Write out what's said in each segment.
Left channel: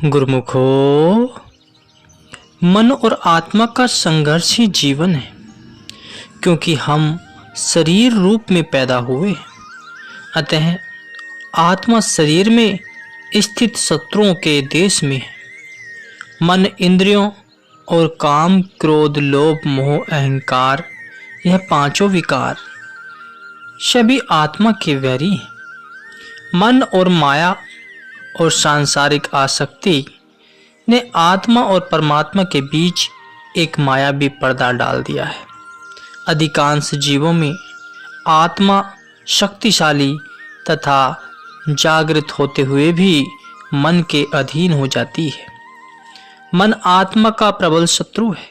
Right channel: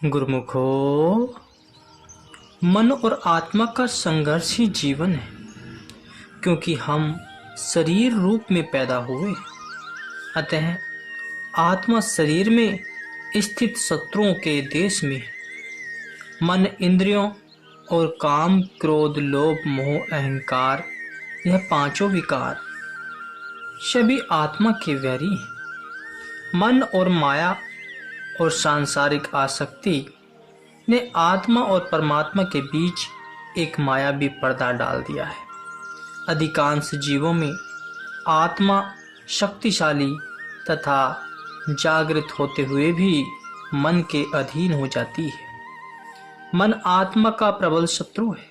गुरुमुखो, मन और आत्मा का संघर्ष ही जीवन है, क्योंकि हम शरीर रूप में पैदा हुए। अतः आत्मा शरीर में स्थित शत्रुओं के देश में है। मन इंद्रियों और काम, क्रोध, लोभ, मोह, अहंकार, यह पांचों विकार सभी आत्मा के वैरी हैं। मन और माया और सांसारिक आसक्ति ने आत्मा और परमात्मा के बीच एक मायावी पर्दा डाल दिया है। अधिकांश जीवों में आत्मा शक्तिशाली तथा जागृत होते हुए भी मन के अधीन हो जाती है। मन आत्मा का प्रबल शत्रु है।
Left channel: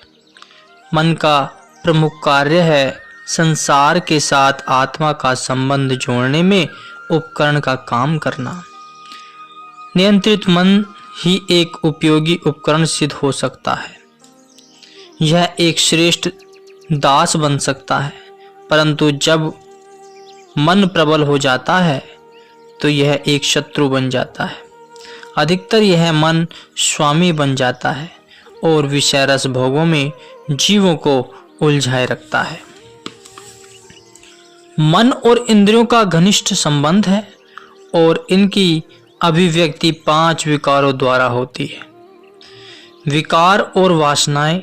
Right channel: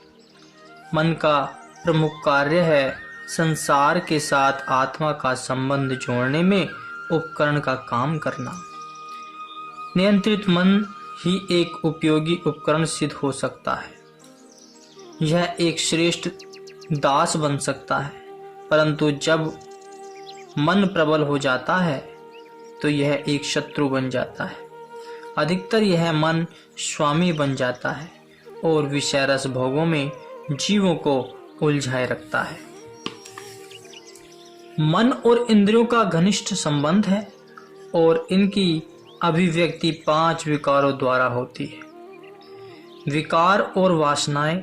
मन का प्रमुख कार्य है संसार के साथ आत्मा का संबंध जोड़ने में उपकरण का काम करना। नियंत्रित मन ही एक उपयोगी उपकरण सिद्ध हो सकता है। यह एक श्रेष्ठ दास बन सकता है, परंतु जब मन प्रबल हो जाता है तो यह एक शत्रु बन जाता है। अधिकतर यह मन स्वामी बन जाता है और विषय रस भोगों में जीवों को उलझाए रखता है। मन और इंद्रियों का घनिष्ठ संबंध है और इनकी अभिव्यक्ति 5 विकारों द्वारा होती है। विकार और वासनाएं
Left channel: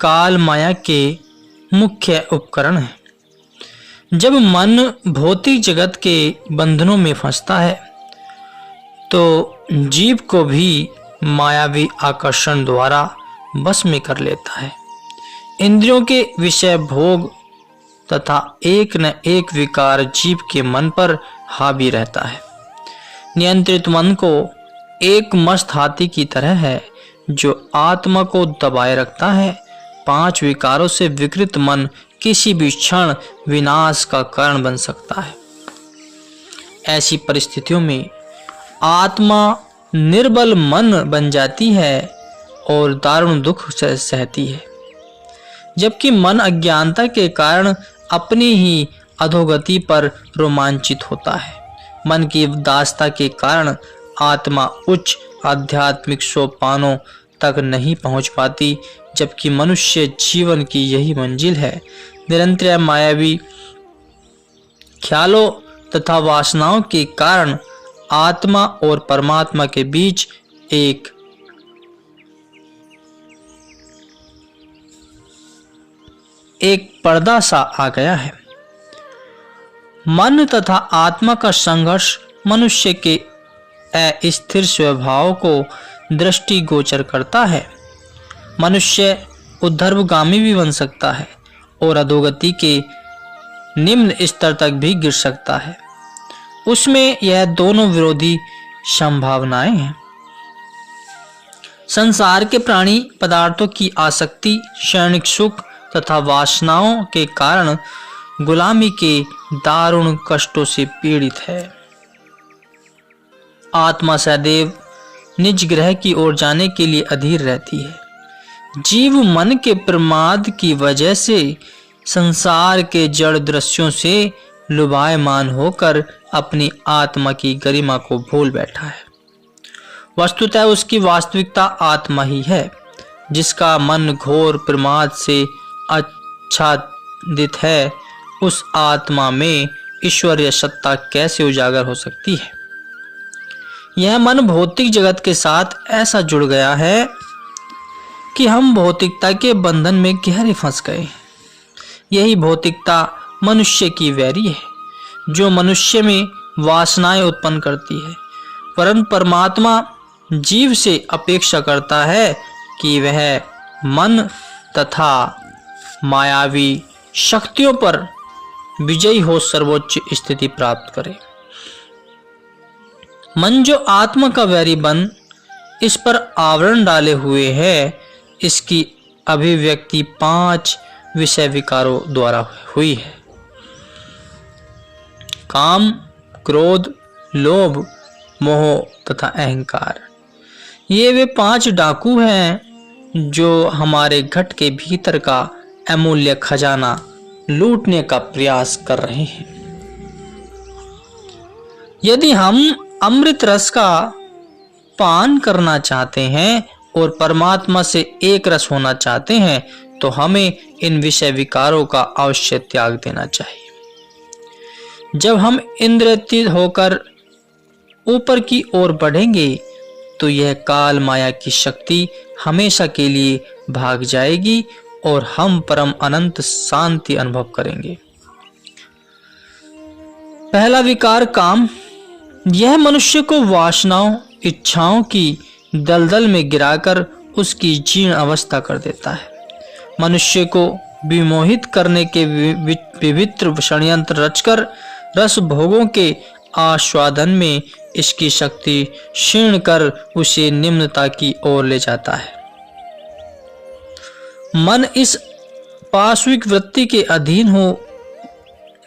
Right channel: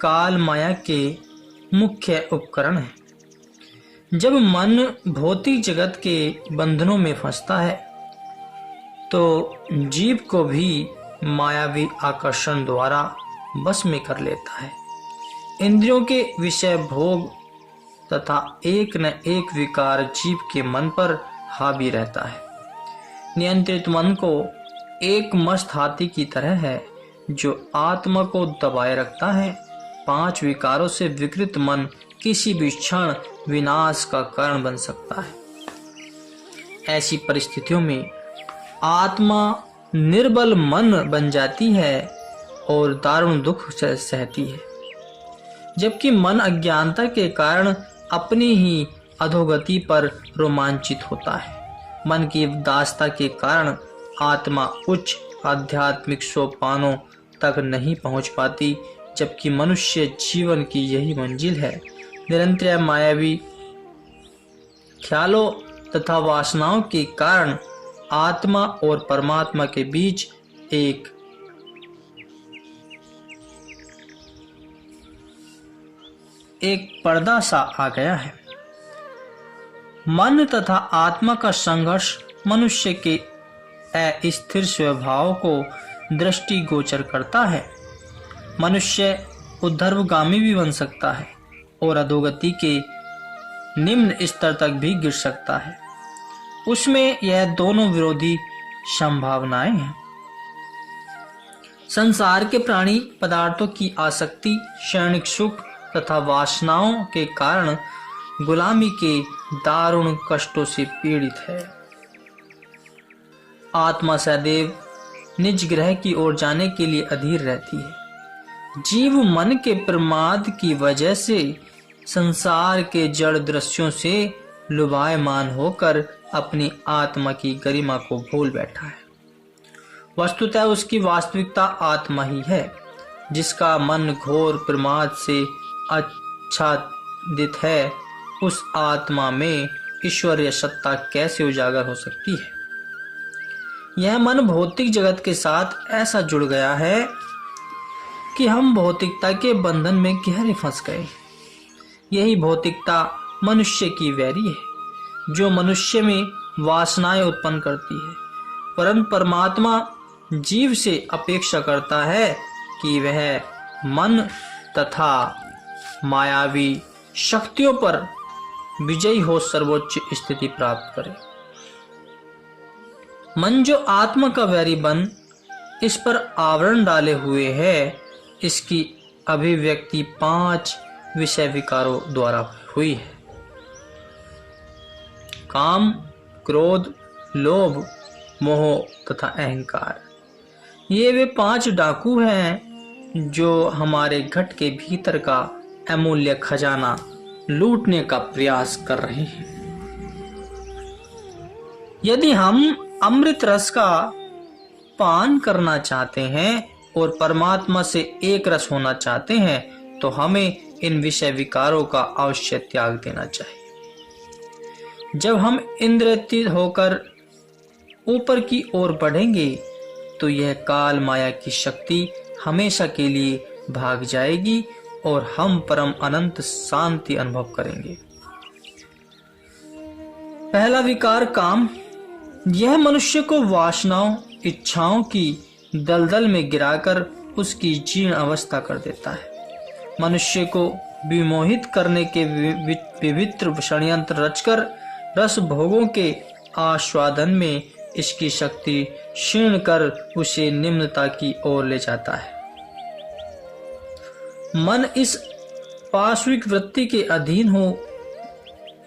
काल माया के मुख्य उपकरण हैं। जब मन भौतिक जगत के बंधनों में फंसता है तो जीव को भी मायावी आकर्षण द्वारा बस में कर लेता है। इंद्रियों के विषय भोग तथा एक न एक विकार जीव के मन पर हावी रहता है। नियंत्रित मन को एक मस्त हाथी की तरह है जो आत्मा को दबाए रखता है। 5 विकारों से विकृत मन किसी भी क्षण विनाश का कारण बन सकता है। ऐसी परिस्थितियों में आत्मा निर्बल मन बन जाती है और दारुण दुख से सहती है, जबकि मन अज्ञानता के कारण अपनी ही अधोगति पर रोमांचित होता है। मन की दासता के कारण आत्मा उच्च आध्यात्मिक सोपानों तक नहीं पहुंच पाती, जबकि मनुष्य जीवन की यही मंजिल है। निरंतर मायावी ख्यालों तथा वासनाओं के कारण आत्मा और परमात्मा के बीच एक पर्दा सा आ गया है। मन तथा आत्मा का संघर्ष मनुष्य के अस्थिर स्वभाव को दृष्टिगोचर करता है। मनुष्य उद्धर्वगामी भी बन सकता है और अधोगति के निम्न स्तर तक भी गिर सकता है। उसमें यह दोनों विरोधी संभावनाएं हैं। संसार के प्राणी पदार्थों की आसक्ति, क्षणिक सुख तथा वासनाओं के कारण गुलामी के दारुण कष्टों से पीड़ित है। आत्मा सदैव निज ग्रह की ओर जाने के लिए अधीर रहती है। जीव मन के प्रमाद की वजह से संसार के जड़ दृश्यों से लुभायमान होकर अपनी आत्मा की गरिमा को भूल बैठा है। वस्तुतः उसकी वास्तविकता आत्मा ही है, जिसका मन घोर प्रमाद से आच्छादित है। उस आत्मा में ईश्वरीय सत्ता कैसे उजागर हो सकती है? यह मन भौतिक जगत के साथ ऐसा जुड़ गया है कि हम भौतिकता के बंधन में गहरे फंस गए। यही भौतिकता मनुष्य की वैरी है, जो मनुष्य में वासनाएं उत्पन्न करती है। परंतु परमात्मा जीव से अपेक्षा करता है कि वह मन तथा मायावी शक्तियों पर विजयी हो सर्वोच्च स्थिति प्राप्त करे। मन जो आत्मा का वैरी बन इस पर आवरण डाले हुए है, इसकी अभिव्यक्ति 5 विषय विकारों द्वारा हुई है। काम, क्रोध, लोभ, मोह तथा अहंकार, ये वे 5 डाकू हैं जो हमारे घट के भीतर का अमूल्य खजाना लूटने का प्रयास कर रहे हैं। यदि हम अमृत रस का पान करना चाहते हैं और परमात्मा से एक रस होना चाहते हैं तो हमें इन विषय विकारों का अवश्य त्याग देना चाहिए। जब हम इंद्रियातीत होकर ऊपर की ओर बढ़ेंगे तो यह काल माया की शक्ति हमेशा के लिए भाग जाएगी और हम परम अनंत शांति अनुभव करेंगे। पहला विकार काम। यह मनुष्य को वासनाओं इच्छाओं की दलदल में गिराकर उसकी जीर्ण अवस्था कर देता है। मनुष्य को विमोहित करने के विवित्र षड्यंत्र रचकर रस भोगों के आस्वादन में इसकी शक्ति क्षीण कर उसे निम्नता की ओर ले जाता है। मन इस पाशविक वृत्ति के अधीन हो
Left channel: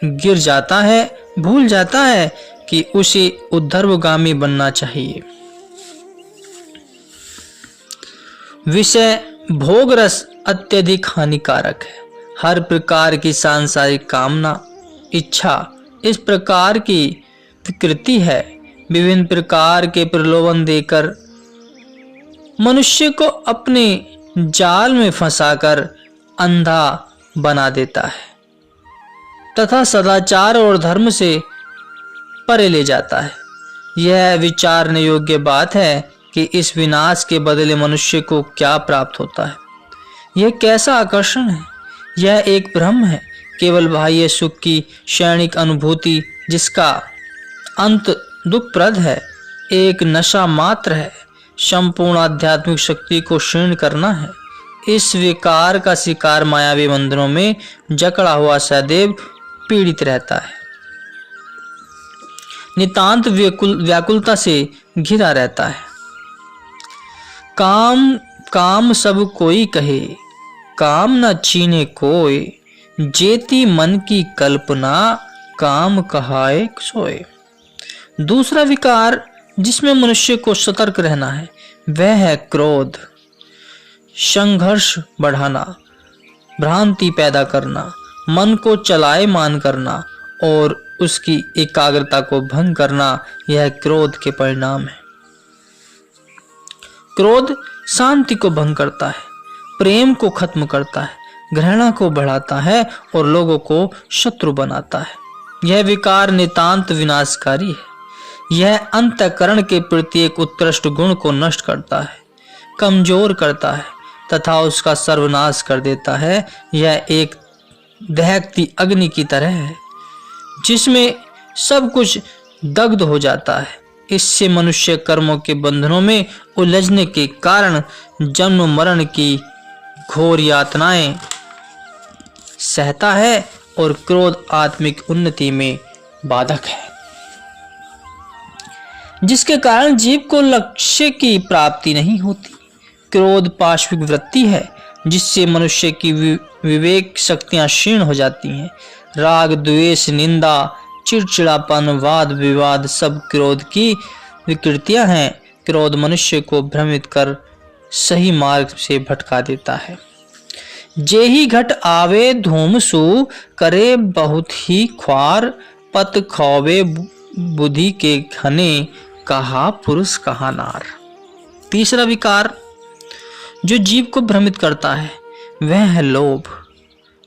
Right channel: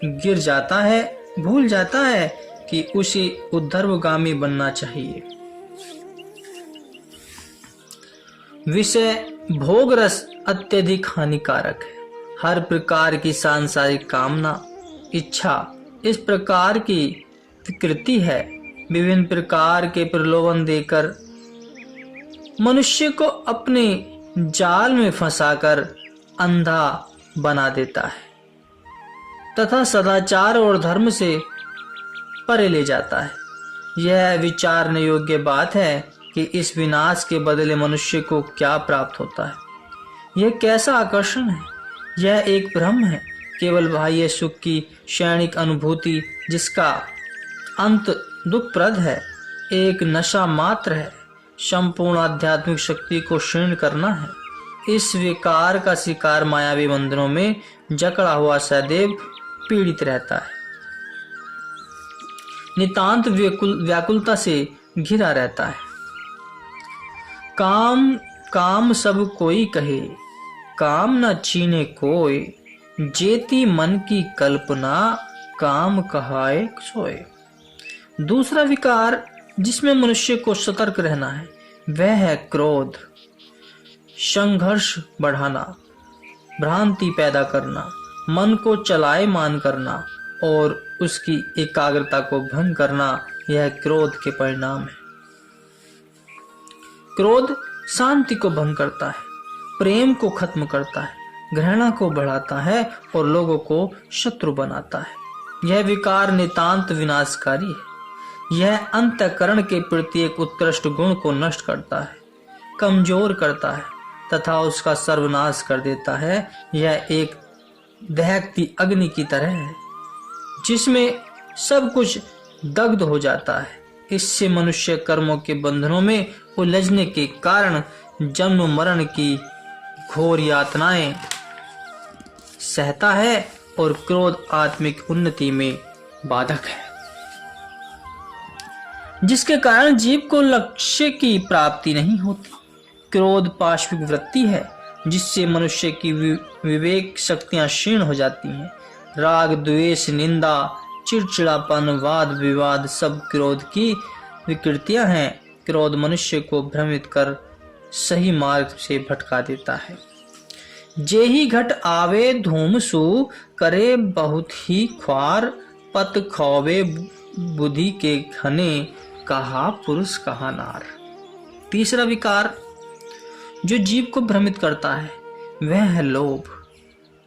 गिर जाता है, भूल जाता है कि उसे ऊर्ध्वगामी बनना चाहिए। विषय भोग रस अत्यधिक हानिकारक है। हर प्रकार की सांसारिक कामना इच्छा इस प्रकार की विकृति है। विभिन्न प्रकार के प्रलोभन देकर मनुष्य को अपने जाल में फंसाकर अंधा बना देता है तथा सदाचार और धर्म से परे ले जाता है। यह विचारने योग्य बात है कि इस विनाश के बदले मनुष्य को क्या प्राप्त होता है। यह कैसा आकर्षण है। यह एक भ्रम है, केवल बाह्य सुख की क्षणिक अनुभूति जिसका अंत दुखप्रद है, एक नशा मात्र है। संपूर्ण आध्यात्मिक शक्ति को क्षीण करना है। इस विकार का शिकार मायावी मंदिरों में जकड़ा हुआ सदैव पीड़ित रहता है, नितांत व्याकुलता से घिरा रहता है। काम काम सब कोई कहे, काम न छीने कोय, जेती मन की कल्पना, काम कहाए सोए। दूसरा विकार जिसमें मनुष्य को सतर्क रहना है वह है क्रोध। संघर्ष बढ़ाना, भ्रांति पैदा करना, मन को चलायमान करना और उसकी एकाग्रता को भंग करना, यह क्रोध के परिणाम है। क्रोध शांति को भंग करता है, प्रेम को खत्म करता है, घृणा को बढ़ाता है और लोगों को शत्रु बनाता है। यह विकार नितांत विनाशकारी है। यह अंतःकरण के प्रत्येक उत्कृष्ट गुण को नष्ट करता है, कमजोर करता है तथा उसका सर्वनाश कर देता है। यह एक दहकती अग्नि की तरह है जिसमें सब कुछ दग्ध हो जाता है। इससे मनुष्य कर्मों के बंधनों में उलझने के कारण जन्म मरण की घोर यातनाएं सहता है और क्रोध आत्मिक उन्नति में बाधक है, जिसके कारण जीव को लक्ष्य की प्राप्ति नहीं होती। क्रोध पाशविक वृत्ति है जिससे मनुष्य की विवेक शक्तियां क्षीण हो जाती हैं। राग द्वेष निंदा चिड़चिड़ापन वाद विवाद सब क्रोध की विकृतियां हैं। क्रोध मनुष्य को भ्रमित कर सही मार्ग से भटका देता है। जेहि घट आवे धूमसु, करे बहुत ही ख्वार, पत खौवे बुद्धि के घने, कहा पुरुष कहा नार। तीसरा विकार जो जीव को भ्रमित करता है वह है लोभ।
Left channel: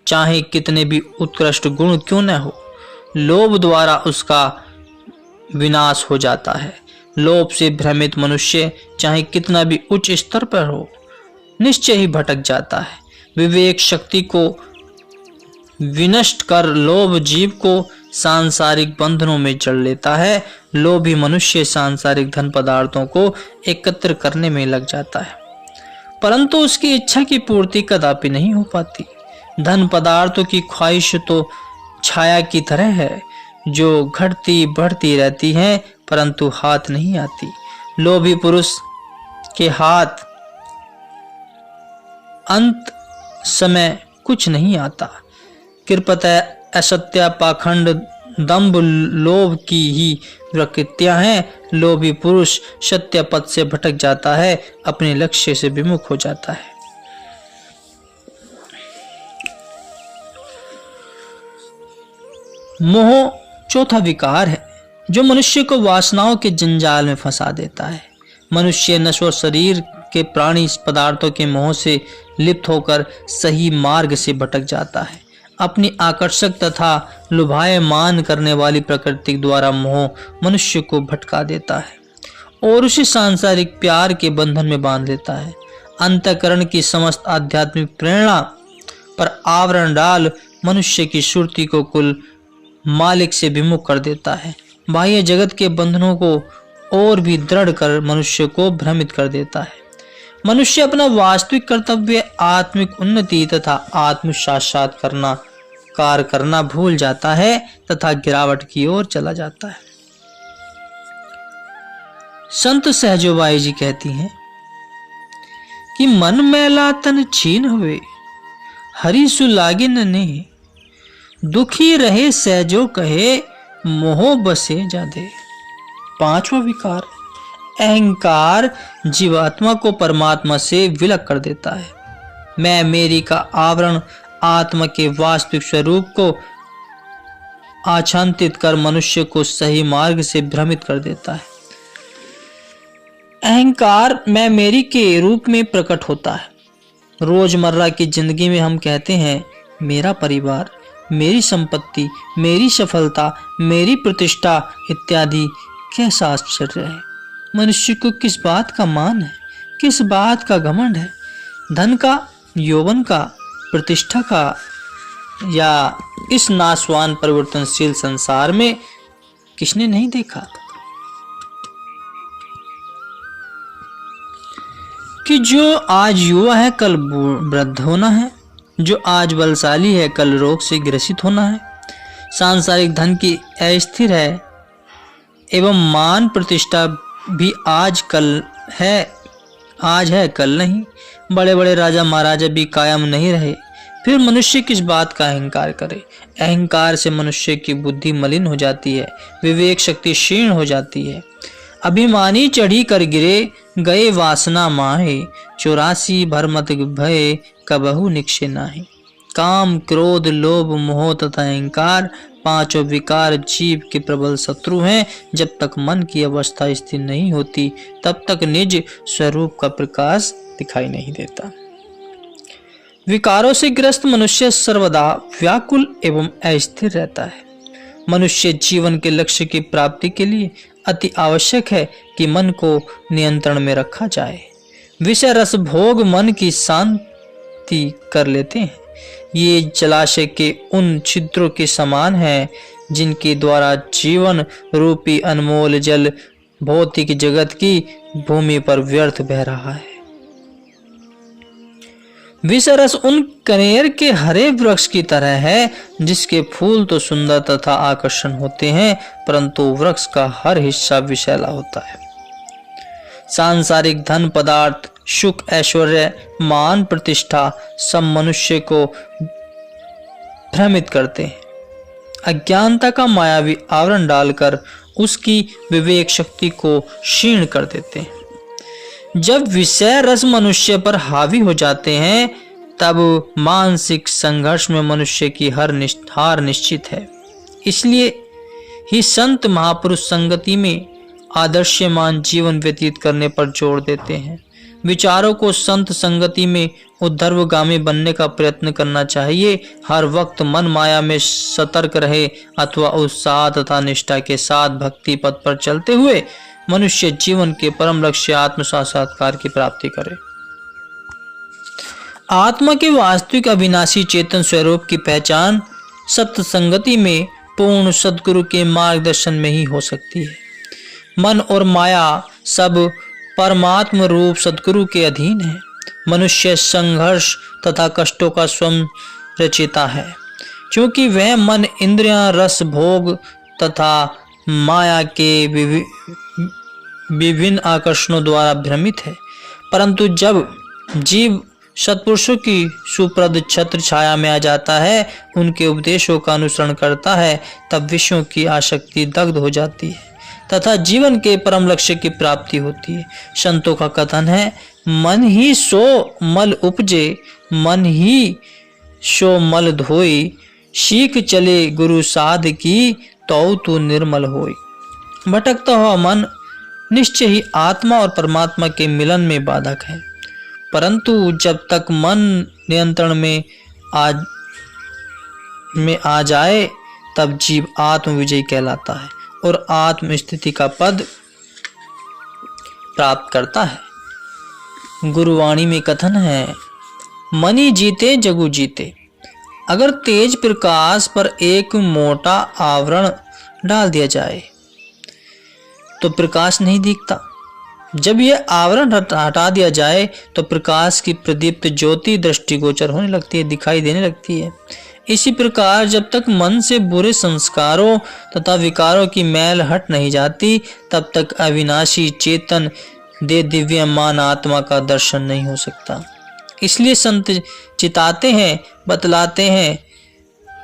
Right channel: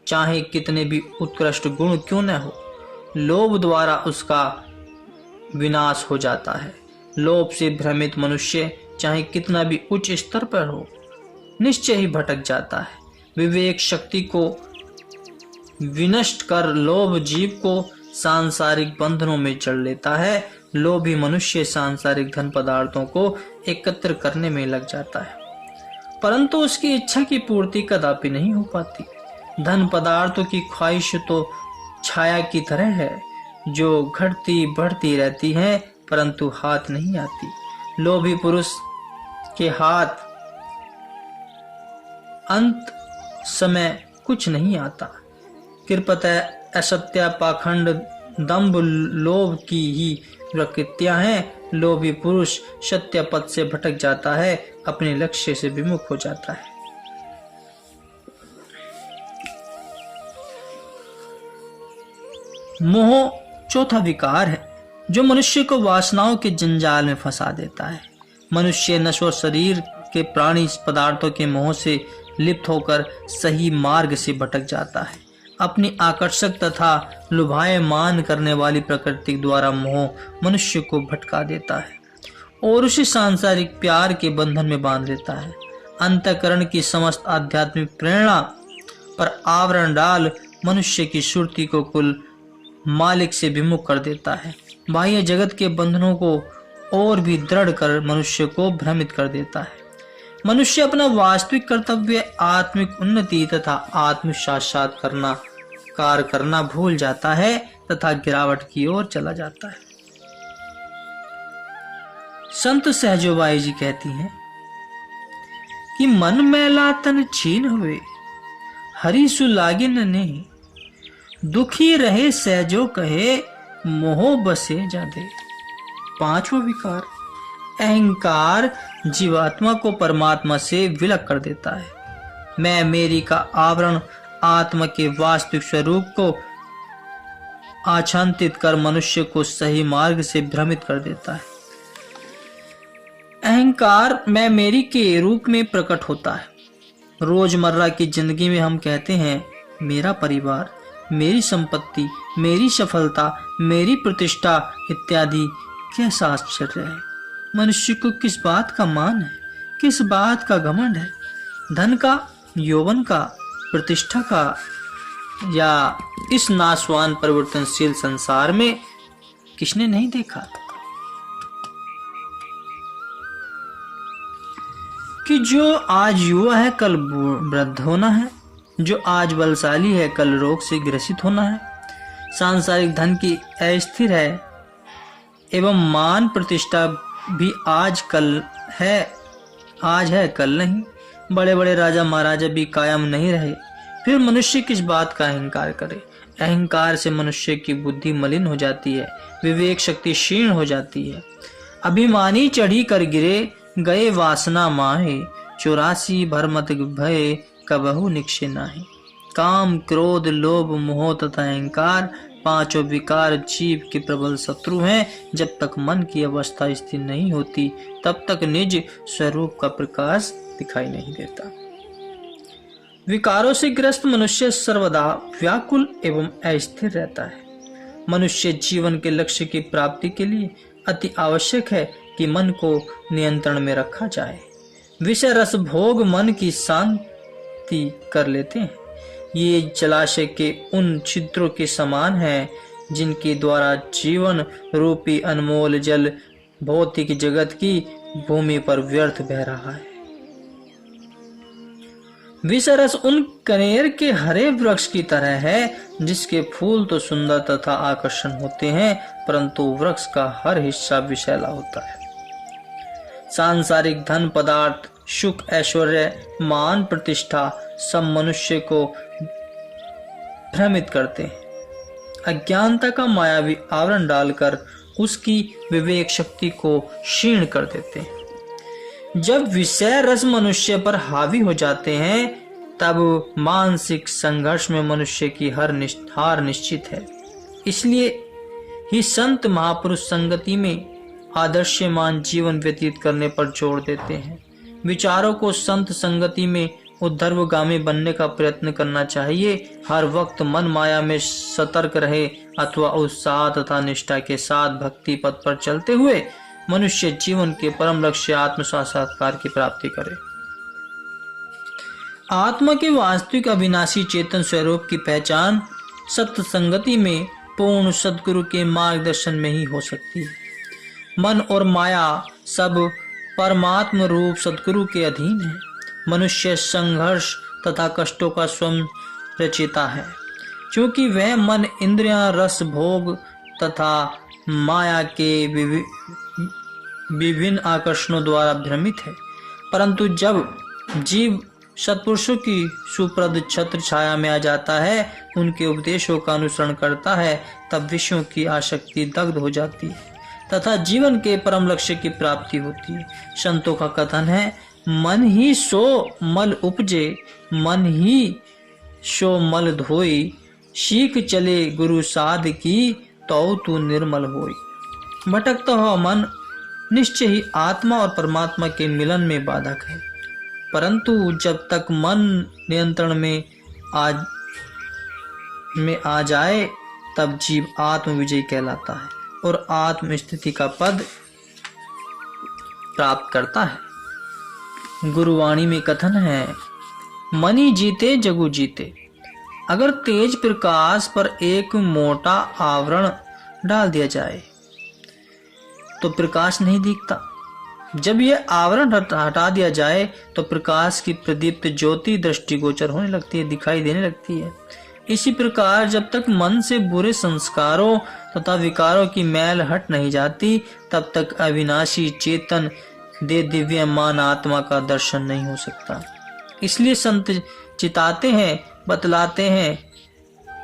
चाहे कितने भी उत्कृष्ट गुण क्यों न हो, लोभ द्वारा उसका विनाश हो जाता है। लोभ से भ्रमित मनुष्य चाहे कितना भी उच्च स्तर पर हो, निश्चय ही भटक जाता है। विवेक शक्ति को विनष्ट कर लोभ जीव को सांसारिक बंधनों में जड़ लेता है। लोभी मनुष्य सांसारिक धन पदार्थों को एकत्र करने में लग जाता है, परंतु उसकी इच्छा की पूर्ति कदापि नहीं हो पाती। धन पदार्थों की ख्वाहिश तो छाया की तरह है जो घटती बढ़ती रहती है परंतु हाथ नहीं आती। लोभी पुरुष के हाथ अंत समय कुछ नहीं आता। कृपतः असत्य पाखंड दंभ लोभ की ही प्रकृतियां हैं। लोभी पुरुष सत्य पथ से भटक जाता है, अपने लक्ष्य से विमुख हो जाता है। मोह चौथा विकार है जो मनुष्य को वासनाओं के जंजाल में फंसा देता है। मनुष्य नश्वर शरीर के प्राणी पदार्थों के मोह से लिप्त होकर सही मार्ग से भटक जाता है। अपनी आकर्षक तथा लुभायमान करने वाली प्रकृति द्वारा मोह मनुष्य को भटका देता है और उसे सांसारिक प्यार के बंधन में बांध देता है। अंतःकरण की समस्त आध्यात्मिक प्रेरणा पर आवरण डाल मनुष्य की सुरति को कुल मालिक से विमुख कर देता है। बाह्य जगत के बंधनों को और भी दृढ़ कर मनुष्य को भ्रमित कर देता है। मनुष्य अपना वास्तविक कर्तव्य आत्मिक उन्नति तथा आत्म साक्षात्कार करना भूल जाता है तथा गिरावट की ओर चला जाता है। संत सहजोबाई जी कहती हैं कि मन मैला तन छीन हुए, हरि सुलागिन ने, दुखी रहे सहजो कहे, मोह बसे जादे। पांचवा विकार, अहंकार जीवात्मा को परमात्मा से विलग कर देता है। मैं मेरी का आवरण आत्मा के वास्तविक स्वरूप को आच्छादित कर मनुष्य को सही मार्ग से भ्रमित कर देता है। अहंकार मैं मेरी के रूप में प्रकट होता है। रोजमर्रा की जिंदगी में हम कहते हैं मेरा परिवार, मेरी संपत्ति, मेरी सफलता, मेरी प्रतिष्ठा इत्यादि। कैसा आश्चर्य है! मनुष्य को किस बात का मान है, किस बात का घमंड है? धन का, यौवन का, प्रतिष्ठा का, या इस नाशवान परिवर्तनशील संसार में किसने नहीं देखा कि जो आज युवा है कल वृद्ध होना है, जो आज बलशाली है कल रोग से ग्रसित होना है। सांसारिक धन की अस्थिर है एवं मान प्रतिष्ठा भी आज है कल नहीं। बड़े बड़े राजा महाराजा भी कायम नहीं रहे। फिर मनुष्य किस बात का अहंकार करे? अहंकार से मनुष्य की बुद्धि मलिन हो जाती है, विवेक शक्ति क्षीण हो जाती है। अभिमानी चढ़ी कर गिरे, गए वासना माहे, 84 भरमत भय कबहु निक्षे नाहि। काम, क्रोध, लोभ, मोह तथा अहंकार पांचों विकार जीव के प्रबल शत्रु हैं। जब तक मन की अवस्था स्थिर नहीं होती तब तक निज स्वरूप का प्रकाश दिखाई नहीं देता। विकारों से ग्रस्त मनुष्य सर्वदा व्याकुल एवं अस्थिर रहता है। मनुष्य जीवन के लक्ष्य की प्राप्ति के लिए अति आवश्यक है कि मन को नियंत्रण में रखा जाए। विषय रस भोग मन की शांति कर लेते हैं। ये जलाशय के उन छिद्रों के समान है जिनके द्वारा जीवन रूपी अनमोल जल भौतिक जगत की भूमि पर व्यर्थ बह रहा है। विषय रस उन कनेर के हरे वृक्ष की तरह है जिसके फूल तो सुंदर तथा आकर्षण होते हैं परंतु वृक्ष का हर हिस्सा विषैला होता है। सांसारिक धन पदार्थ, सुख, ऐश्वर्य, मान, प्रतिष्ठा सब मनुष्य को भ्रमित करते हैं। अज्ञानता का मायावी आवरण डालकर उसकी विवेक शक्ति को क्षीण कर देते हैं। जब विषय रस मनुष्य पर हावी हो जाते हैं तब मानसिक संघर्ष में मनुष्य की हार निश्चित है। इसलिए ही संत महापुरुष संगति में आदर्शमान जीवन व्यतीत करने पर जोर देते हैं। विचारों को संत संगति में उद्धर्वगामी बनने का प्रयत्न करना चाहिए। हर वक्त मन माया में सतर्क रहे अथवा उत्साह तथा निष्ठा के साथ भक्ति पथ पर चलते हुए मनुष्य जीवन के परम लक्ष्य आत्म साक्षात्कार की प्राप्ति करे। आत्मा के वास्तविक अविनाशी चेतन स्वरूप की पहचान सत्य संगति में पूर्ण सद्गुरु के मार्गदर्शन में ही हो सकती है। मन और माया सब परमात्म रूप सद्गुरु के अधीन है। मनुष्य संघर्ष तथा कष्टों का स्वयं रचयिता है, क्योंकि वह मन, इंद्रियां, रस, भोग तथा माया के विभिन्न आकर्षणों द्वारा भ्रमित है। परंतु जब जीव सत्पुरुषों की सुप्रद छत्र छाया में आ जाता है, उनके उपदेशों का अनुसरण करता है, तब विषयों की आसक्ति दग्ध हो जाती है तथा जीवन के परम लक्ष्य की प्राप्ति होती है। संतों का कथन है, मन ही सो मल उपजे, मन ही सो मल धोई, सीख चले गुरु साध की, तो तू निर्मल होई। भटकता हुआ मन निश्चय ही आत्मा और परमात्मा के मिलन में बाधक है, परंतु जब तक मन नियंत्रण में आ जाए तब जीव आत्म विजयी कहलाता है और आत्म स्थिति का पद प्राप्त करता है। गुरुवाणी में कथन है, मनी जीते जगु जीते। अगर तेज प्रकाश पर एक मोटा आवरण डाल दिया जाए तो प्रकाश नहीं दिखता। जब यह आवरण हटा दिया जाए तो प्रकाश की प्रदीप्त ज्योति दृष्टिगोचर होने लगती है, दिखाई देने लगती है। इसी प्रकार जब तक मन से बुरे संस्कारों तथा विकारों की मैल हट नहीं जाती तब तक अविनाशी चेतन दे दिव्यमान आत्मा का दर्शन नहीं हो सकता। इसलिए संत चिताते हैं, बतलाते हैं,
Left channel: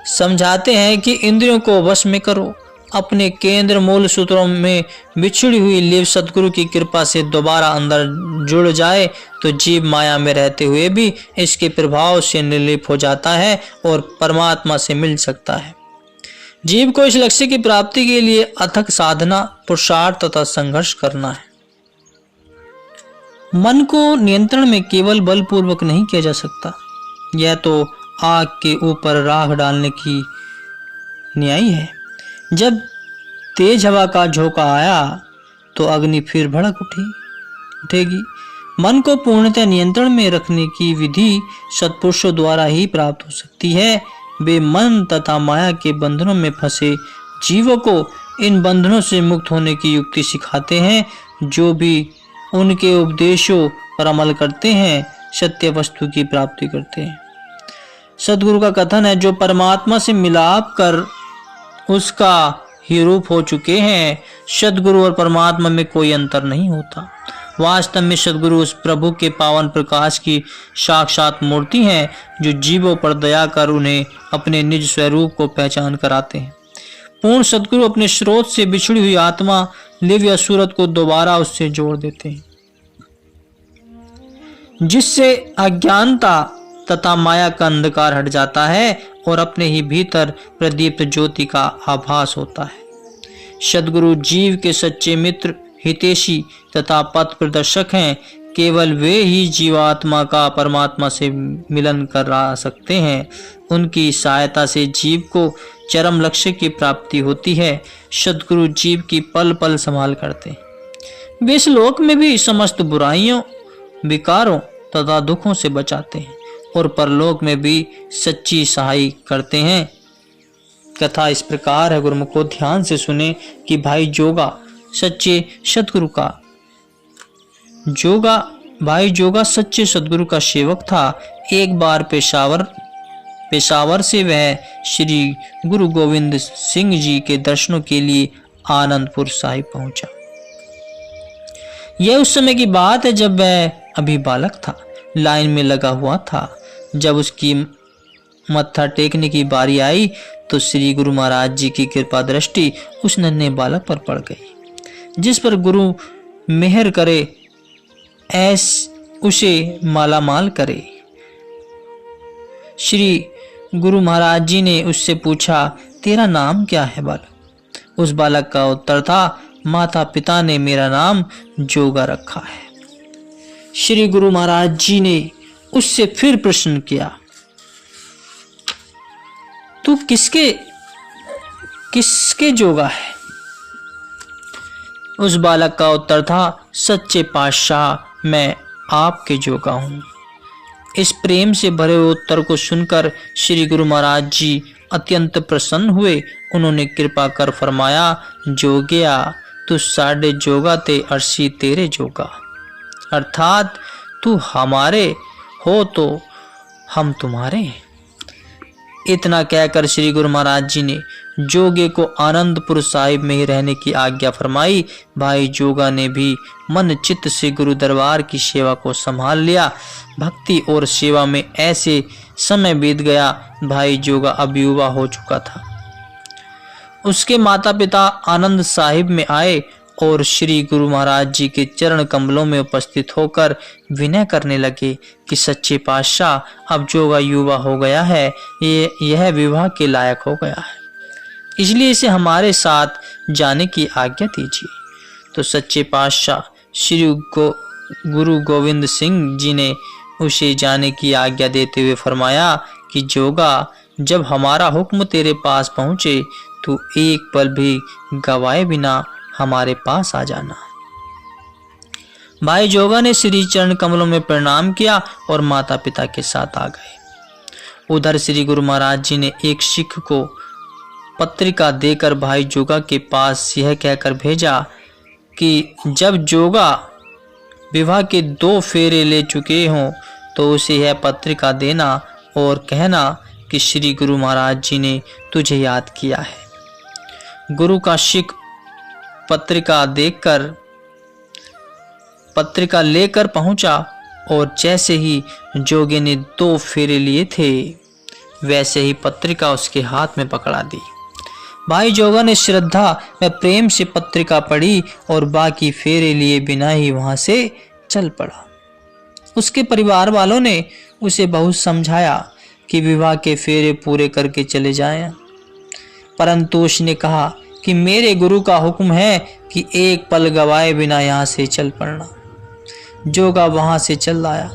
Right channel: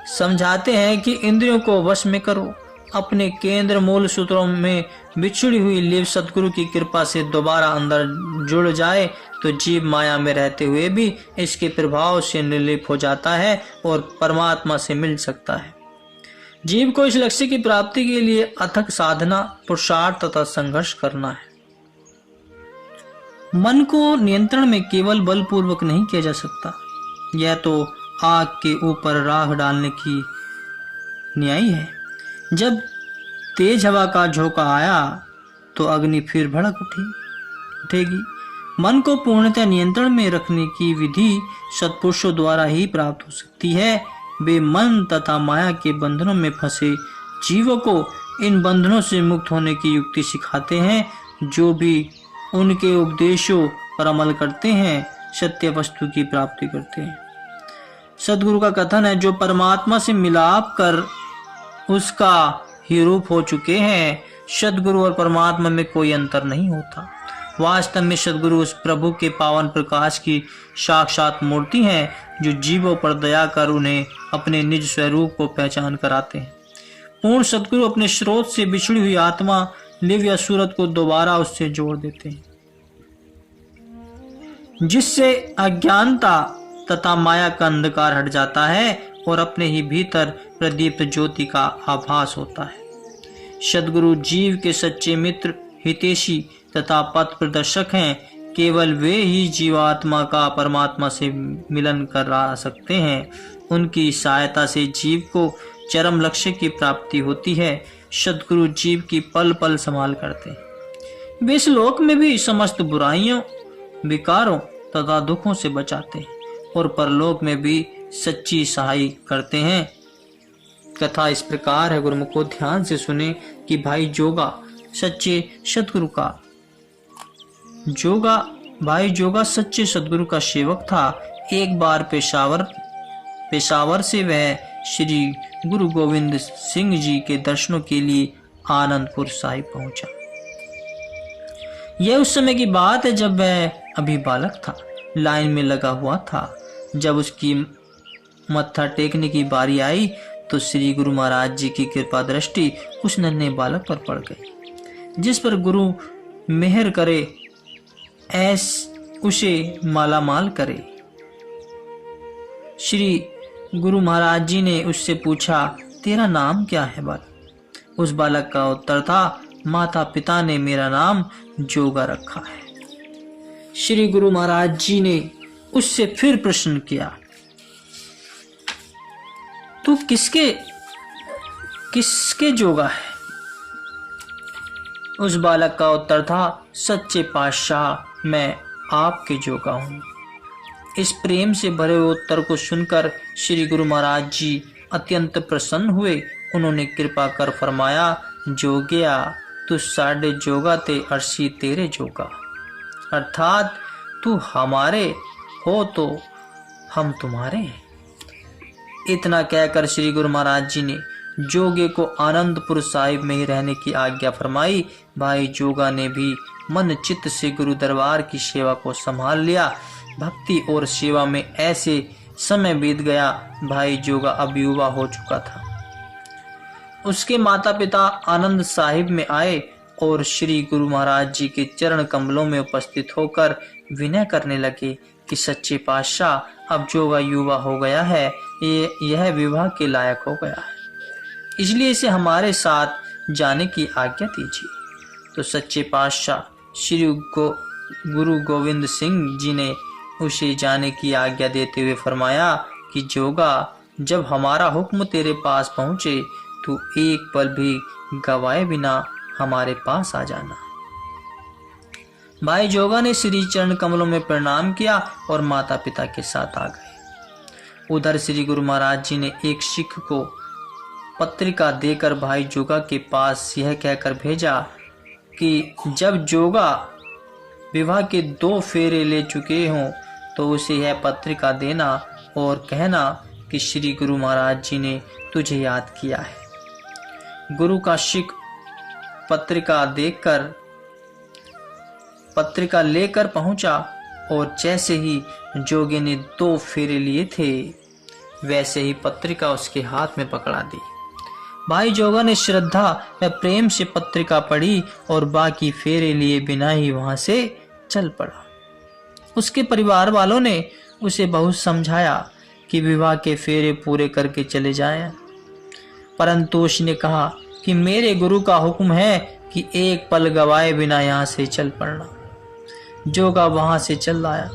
समझाते हैं कि इंद्रियों को वश में करो। अपने केंद्र मूल सूत्रों में बिछड़ी हुई लिव सदगुरु की कृपा से दोबारा अंदर जुड़ जाए तो जीव माया में रहते हुए भी इसके प्रभाव से निर्लिप हो जाता है और परमात्मा से मिल सकता है। जीव को इस लक्ष्य की प्राप्ति के लिए अथक साधना, पुरुषार्थ तथा संघर्ष करना है। मन को नियंत्रण में केवल बलपूर्वक नहीं किया जा सकता। यह तो आग के ऊपर राख डालने की न्याय है। जब तेज हवा का झोंका आया तो अग्नि फिर भड़क उठेगी। मन को पूर्णतः नियंत्रण में रखने की विधि सत्पुरुषों द्वारा ही प्राप्त हो सकती है। वे मन तथा माया के बंधनों में फंसे जीवों को इन बंधनों से मुक्त होने की युक्ति सिखाते हैं। जो भी उनके उपदेशों पर अमल करते हैं सत्य वस्तु की प्राप्ति करते हैं। सदगुरु का कथन है, जो परमात्मा से मिलाप कर उसका ही रूप हो चुके हैं, सदगुरु और परमात्मा में कोई अंतर नहीं होता। वास्तव में सदगुरु उस प्रभु के पावन प्रकाश की साक्षात मूर्ति हैं जो जीवों पर दया कर उन्हें अपने निज स्वरूप को पहचान कराते हैं। पूर्ण सदगुरु अपने स्रोत से बिछड़ी हुई आत्मा लिव या सूरत को दोबारा उससे जोड़ देते हैं, जिससे अज्ञानता तथा माया का अंधकार हट जाता है और अपने ही भीतर प्रदीप्त ज्योति का आभास होता है। सद्गुरु जीव के सच्चे मित्र, हितैषी तथा पथ प्रदर्शक हैं। केवल वे ही जीवात्मा का परमात्मा से मिलन करा सकते हैं। उनकी सहायता से जीव को चरम लक्ष्य की प्राप्ति होती है। सद्गुरु जीव की पल पल संभाल करते हैं। वे इस लोक में भी समस्त बुराइयों, विकारों तथा दुखों से बचाते हैं और परलोक में भी सच्ची सहाय करते हैं। कथा इस प्रकार है, गुरुमुख को ध्यान से सुने कि भाई जोगा सच्चे सद्गुरु का सच्चे सद्गुरु का सेवक था। एक बार पेशावर से वह श्री गुरु गोविंद सिंह जी के दर्शनों के लिए आनंदपुर साहिब पहुंचा। यह उस समय की बात है जब वह अभी बालक था, लाइन में लगा हुआ था। जब उसकी मत्था टेकने की बारी आई तो श्री गुरु महाराज जी की कृपा दृष्टि उस नन्हे बालक पर पड़ गई। जिस पर गुरु मेहर करे ऐस उसे मालामाल करे। श्री गुरु महाराज जी ने उससे पूछा, तेरा नाम क्या है बालक? उस बालक का उत्तर था, माता पिता ने मेरा नाम जोगा रखा है। श्री गुरु महाराज जी ने उससे फिर प्रश्न किया, तू किसके जोगा है? उस बालक का उत्तर था, सच्चे पातशाह मैं आपके जोगा हूं। इस प्रेम से भरे हुए उत्तर को सुनकर श्री गुरु महाराज जी अत्यंत प्रसन्न हुए। उन्होंने कृपा कर फरमाया, जोगिया तू साढ़े जोगा ते अर्शी तेरे जोगा, अर्थात तू हमारे हो तो हम तुम्हारे। इतना कहकर श्री गुरु महाराज जी ने जोगे को आनंदपुर साहिब में ही रहने की आज्ञा फरमाई। भाई जोगा ने भी मन चित्त से गुरु दरबार की सेवा को संभाल लिया। भक्ति और सेवा में ऐसे समय बीत गया, भाई जोगा अब युवा हो चुका था। उसके माता पिता आनंद साहिब में आए और श्री गुरु महाराज जी के चरण कमलों में उपस्थित होकर विनय करने लगे कि सच्चे पातशाह अब जोगा युवा हो गया है, यह विवाह के लायक हो गया है, इसलिए इसे हमारे साथ जाने की आज्ञा दीजिए। तो सच्चे पातशाह श्री गुरु गोविंद सिंह जी ने उसे जाने की आज्ञा देते हुए फरमाया कि जोगा, जब हमारा हुक्म तेरे पास पहुंचे तो एक पल भी गवाए बिना हमारे पास आ जाना। भाई जोगा ने श्री चरण कमलों में प्रणाम किया और माता पिता के साथ आ गए। उधर श्री गुरु महाराज जी ने एक सिख को पत्रिका देकर भाई जोगा के पास यह कहकर भेजा कि जब जोगा विवाह के 2 फेरे ले चुके हों तो उसे यह पत्रिका देना और कहना कि श्री गुरु महाराज जी ने तुझे याद किया है। गुरु का सिख पत्रिका लेकर पहुंचा और जैसे ही जोगे ने 2 फेरे लिए थे वैसे ही पत्रिका उसके हाथ में पकड़ा दी। भाई जोगा ने श्रद्धा व प्रेम से पत्रिका पढ़ी और बाकी फेरे लिए बिना ही वहां से चल पड़ा। उसके परिवार वालों ने उसे बहुत समझाया कि विवाह के फेरे पूरे करके चले जाएं, परंतु उसने कहा कि मेरे गुरु का हुक्म है कि एक पल गवाए बिना यहाँ से चल पड़ना। जोगा वहां से चल आया,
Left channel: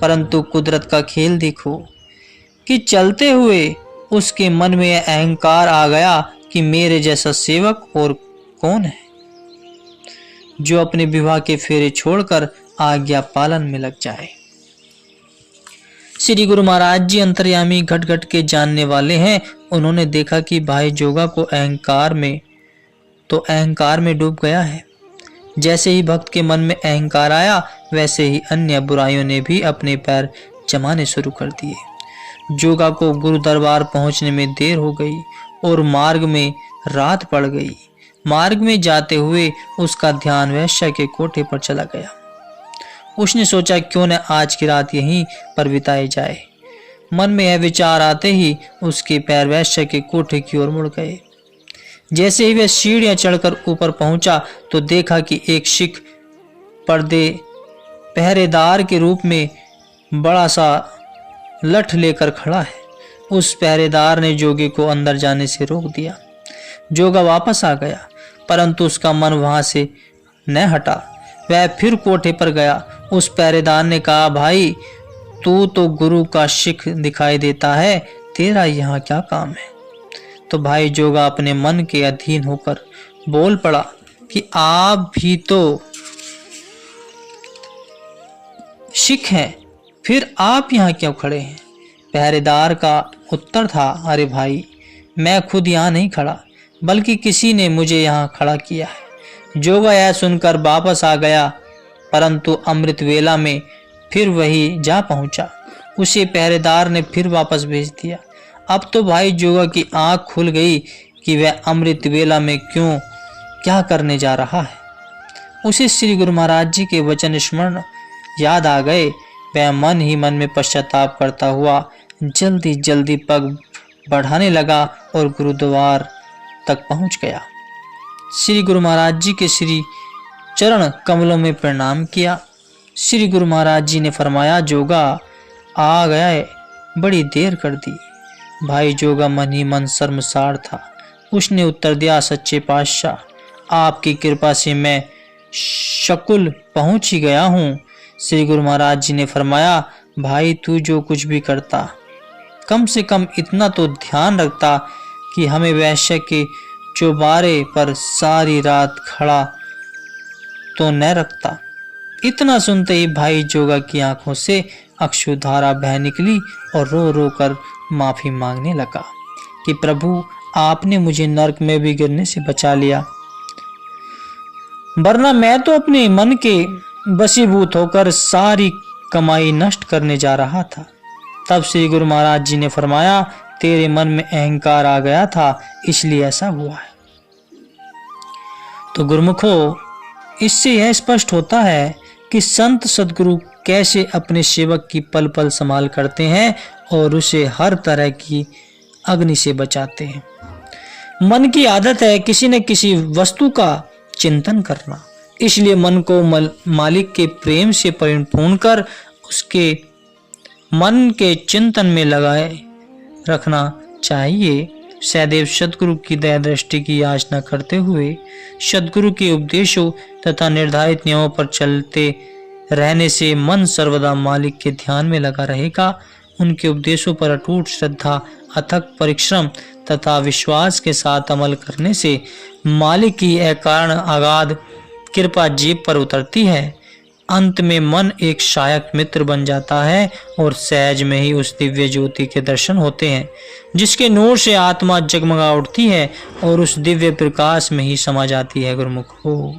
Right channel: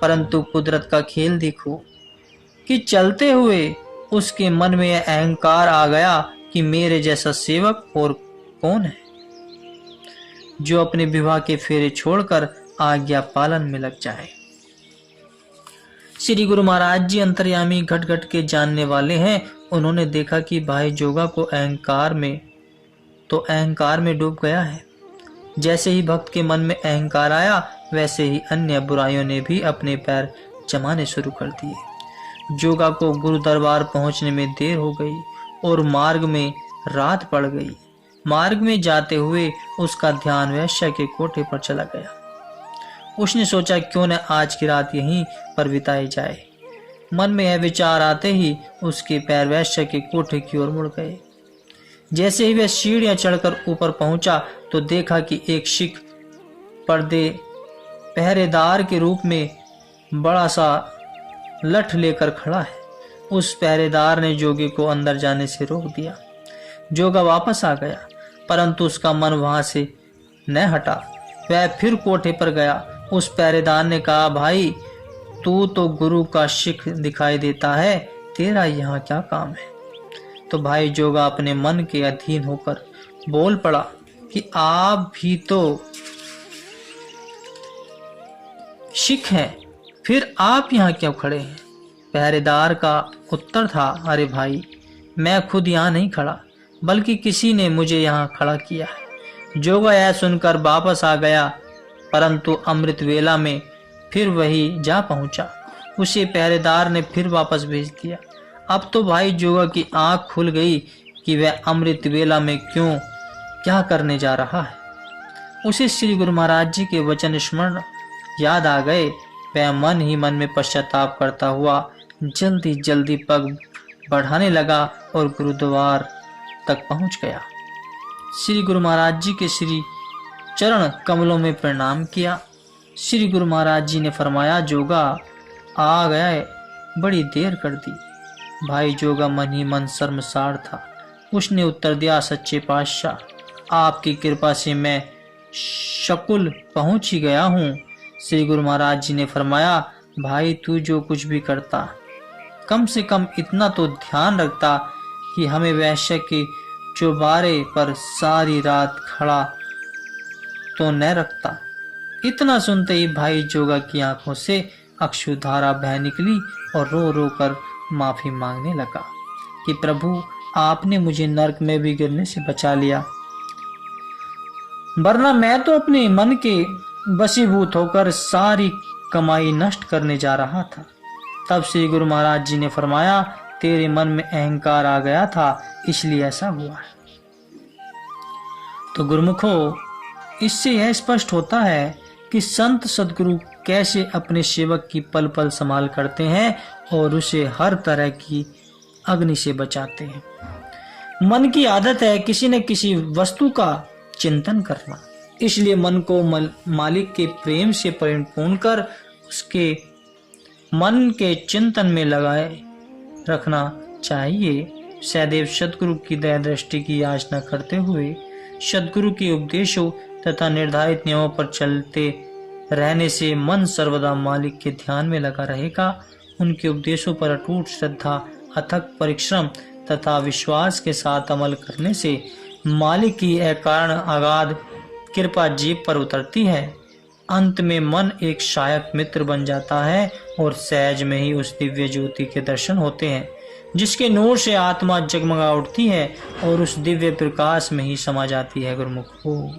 परंतु कुदरत का खेल देखो कि चलते हुए उसके मन में अहंकार आ गया कि मेरे जैसा सेवक और कौन है जो अपने विवाह के फेरे छोड़कर आज्ञा पालन में लग जाए। श्री गुरु महाराज जी अंतर्यामी घट घट के जानने वाले हैं। उन्होंने देखा कि भाई जोगा को अहंकार में डूब गया है। जैसे ही भक्त के मन में अहंकार आया वैसे ही अन्य बुराइयों ने भी अपने पैर जमाने शुरू कर दिए। जोगा को गुरु दरबार पहुंचने में देर हो गई और मार्ग में रात पड़ गई। मार्ग में जाते हुए उसका ध्यान वैश्य के कोठे पर चला गया। उसने सोचा क्यों न आज की रात यहीं पर बिताई जाए। मन में यह विचार आते ही उसके पैर वैश्य के कोठे की ओर मुड़ गए। जैसे ही वह सीढ़ियां चढ़कर ऊपर पहुंचा तो देखा कि एक सिख पहरेदार के रूप में बड़ा सा लठ लेकर खड़ा है। उस पहरेदार ने जोगे को अंदर जाने से रोक दिया। जोगा वापस आ गया, परंतु उसका मन वहां से न हटा। वह फिर कोठे पर गया। उस पहरेदार ने कहा, भाई तू तो गुरु का सिख दिखाई देता है, तेरा यहाँ क्या काम है? तो भाई जोगा अपने मन के अधीन होकर बोल पड़ा कि आप भी तो सिख हैं, फिर आप यहाँ क्यों खड़े हैं? पहरेदार का उत्तर था, अरे भाई मैं खुद यहाँ नहीं खड़ा, बल्कि किसी ने मुझे यहाँ खड़ा किया है। जोगा यह सुनकर वापस आ गया, परंतु अमृत वेला में फिर वही जा पहुंचा। उसे पहरेदार ने फिर वापस भेज दिया। अब तो भाई जोगा की आंख खुल गई कि वह अमृत वेला में क्या करने जा रहा है। उसे श्री गुरु महाराज जी के वचन स्मरण याद आ गए। वह मन ही मन में पश्चाताप करता हुआ जल्दी जल्दी पग बढ़ाने लगा और गुरुद्वार तक पहुंच गया। श्री गुरु महाराज जी के श्री चरण कमलों में प्रणाम किया। श्री गुरु महाराज जी ने फरमाया, जोगा आ गया है, बड़ी देर कर दी। भाई जोगा मन ही मन शर्मसार था। उसने उत्तर दिया, सच्चे पातशाह आपकी कृपा से मैं शकुल पहुंच ही गया हूँ। श्री गुरु महाराज जी ने फरमाया, भाई तू जो कुछ भी करता कम से कम इतना तो ध्यान रखता कि हमें वैश्य के चौबारे पर सारी रात खड़ा तो न रखता। इतना सुनते ही भाई जोगा की आंखों से अश्रुधारा बह निकली और रो रो कर माफी मांगने लगा कि प्रभु आपने मुझे नरक में भी गिरने से बचा लिया, वरना मैं तो अपने मन के वशीभूत होकर सारी कमाई नष्ट करने जा रहा था। तब श्री गुरु महाराज जी ने फरमाया, तेरे मन में अहंकार आ गया था, इसलिए ऐसा हुआ है। तो गुरुमुखो, इससे यह स्पष्ट होता है कि संत सदगुरु कैसे अपने सेवक की पल पल संभाल करते हैं और उसे हर तरह की अग्नि से बचाते हैं। मन की आदत है किसी न किसी वस्तु का चिंतन करना, इसलिए मन को मालिक के प्रेम से परिपूर्ण कर उसके मन के चिंतन में लगाए रखना चाहिए। सदैव सदगुरु की दया दृष्टि की याचना करते हुए सदगुरु के उपदेशों तथा निर्धारित नियमों पर चलते रहने से मन सर्वदा मालिक के ध्यान में लगा रहेगा। उनके उपदेशों पर अटूट श्रद्धा, अथक परिश्रम तथा विश्वास के साथ अमल करने से मालिक की अकारण अगाध कृपा जीव पर उतरती है। अंत में मन एक सहायक मित्र बन जाता है और सहज में ही उस दिव्य ज्योति के दर्शन होते हैं, जिसके नूर से आत्मा जगमगा उठती है और उस दिव्य प्रकाश में ही समा जाती है। गुरुमुख हो।